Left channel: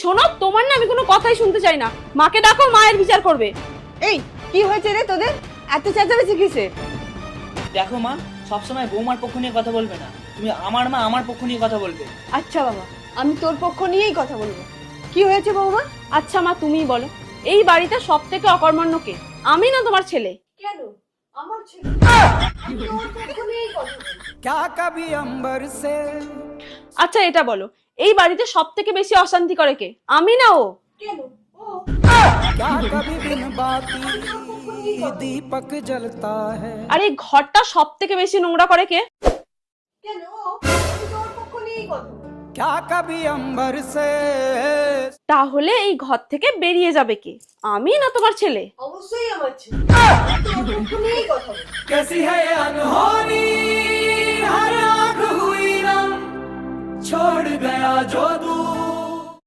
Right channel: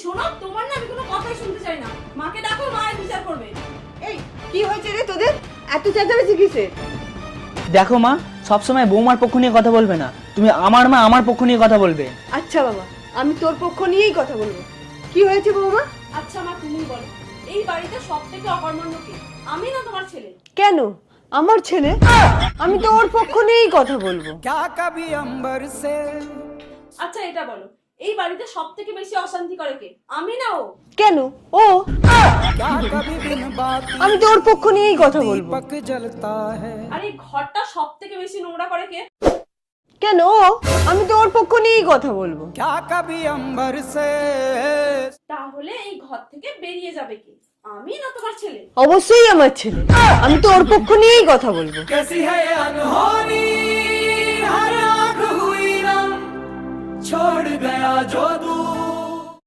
শোনো, তোমার না আমি কোনো কথাই শুনতে চাই না। মাকে ডাকো, মায়ের বিচার করবে। এই কি হয়েছে রে তোদের? এত চেঁচামেচি কিসের? দেখো মা, সবসময় বৌমার পক্ষ নিয়ে কথা বলবে না, তুমি আমার মা, আমার পক্ষ নিয়ে কথা বলবে। আচ্ছা বাবা, আমি তোর পক্ষ নিয়েই কথা বলবো। কি হয়েছে বৌমা? আচ্ছা মা, তুমিই বলো, এই বাড়িতে সব থেকে অকর্মণ্য কে? আমি না তোমার ছেলে? কেন আমার ছেলে? আমি তো ওর পক্ষ নিয়েই কথা বলবো। আচ্ছা এটা বলো, এই বাড়িতে সব থেকে বেশি অশান্তি করে কে? আমি না ও? কেন ও? আমি তো ওর পক্ষ নিয়েই কথা বলবো। আর এই ঘরটা সব থেকে বেশি নোংরা করে কে? কেন ও? আমি তো ওর পক্ষ নিয়েই কথা বলবো। তাহলে এই ঘর থেকে বেরিয়ে যাবে কে? আমি না তোমার ছেলে? অবশ্যই আমার ছেলে, আমি তো ওর পক্ষ নিয়েই কথা বলবো। छोड़ गया जो दूर